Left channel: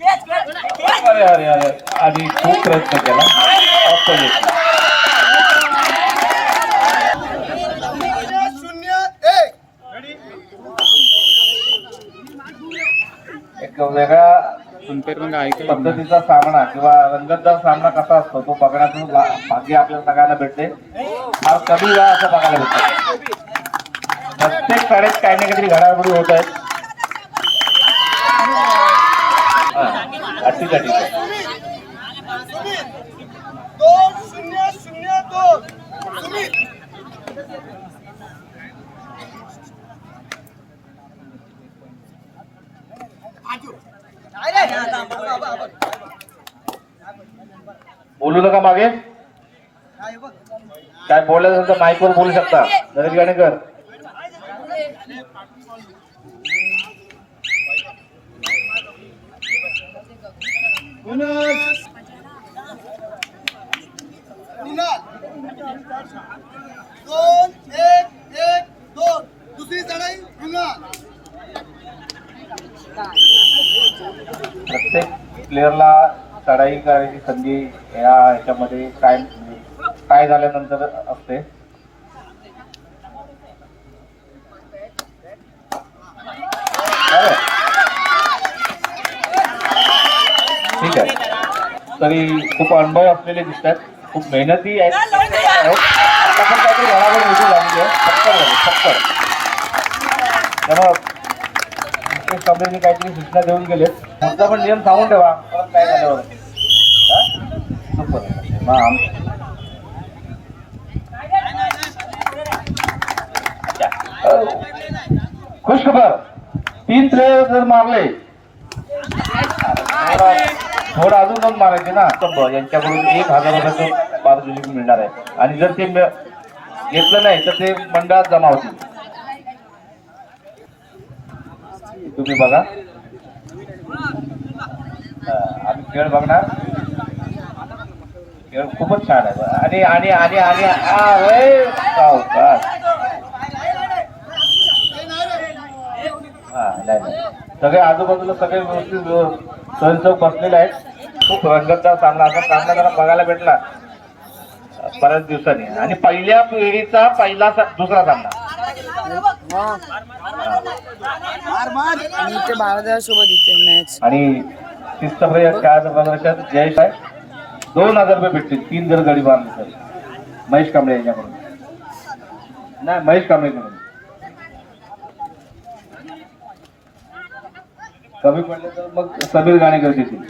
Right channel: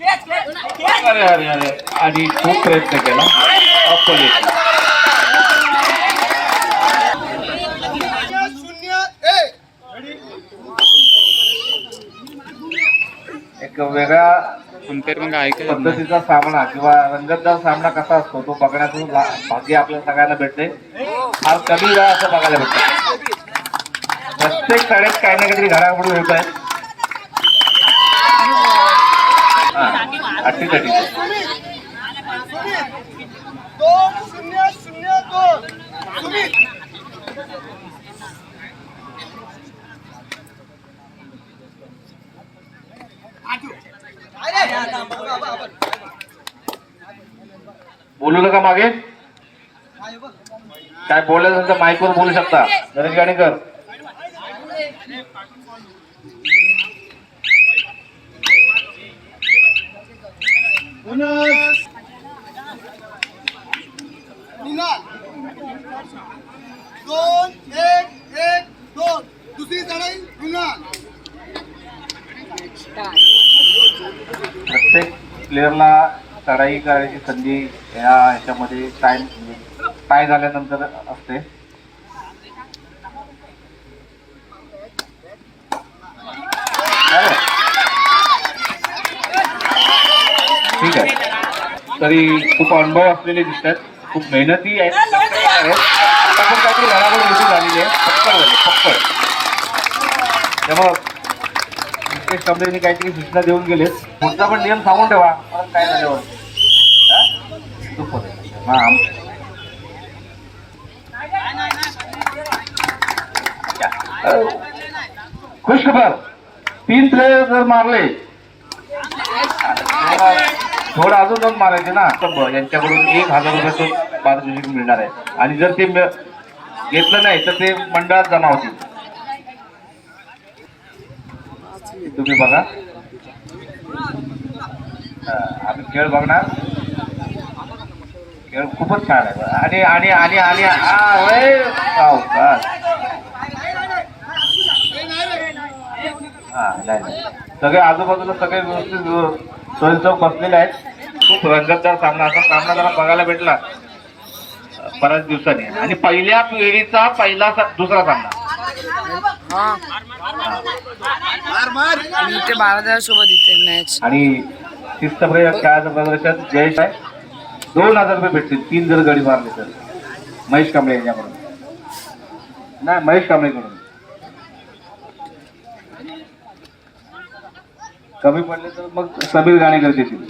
अरे अरे अरे आणि खूप प्रयत्न केला. एक वेगळा पद्धतीचा सामना किंवा रंगतदार सामना कसा असतो तो बघण्याचं भाग्य आपल्या सगळ्यांना भेटते. फार कमी वेळा असं बघायला भेटतं. प्रत्येक शाळेत काही ना काहीतरी घडामोडी होत आहेत. ठीक आहे ठीक आहे. बोलू नका मागे. काय बोलायचं तर माईकवर बोलू शकता. गणेश गाणेकर दुसरी चढाई. प्रत्येक प्लेअरला चढाई करायची संधी या ह्याच्यामध्ये काय झाल्यानंतर असते. ठीक आहे. तरी खूप अनुभव असलेले दिसतात. खूप मेहनती आहेत. आता पण काहीतरी घडामोड दिसून झालेली आहे. फक्त त्यामुळं मुकेश कांबळेंनी काहीतरी सूचना देऊन गेलेत. पुढचा पण नियम सांगून ठेवा. परत काय झाल्यावर खुश खबर. 3 प्लेयर जर मारले थोडं अजून दोन मारायचे ना. यांच्याकडून 1000 रुपयाचं पारितोषिक मिळणार आहे. आणि जर ते घेतलं नाही तर ते मंडळात जमा होतील. तुम्ही बघा. आम्ही खेळ बघणार. खेळ खूपच छान आहे. आणि आणि आणि आणि नाही सगळे आजूबाजूला सगळे व्यवस्थित सोयीसोय बसलेले आहेत. खूप रंगतदार सामना असा सामना जरा बघायला भेटला बऱ्याच दिवसांनी. आणि पहिल्या पिढीचा दुसरा सामना ते 12 सोबत इथे मॅच. आणि खेळाचं प्रदर्शन जयेश आहे. 2000 रुपये भेटतील 3 जर गडी मारले तर. महेश कांबळे यांच्याकडून नाही, महेश कांबळेकडून. कमी पडले तर मग समीर गाणेकर देतील.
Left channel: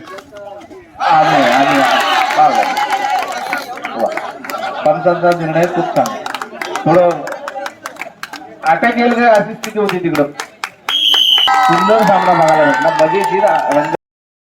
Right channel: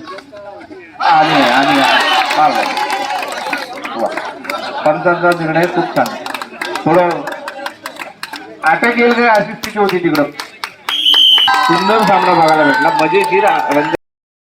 आणि पंचांचा निर्णय खूप छान. थोडं अटॅक येईल अशी स्थिती होती तिकडं. सुंदर सामना बघायला भेटला. मजेशीर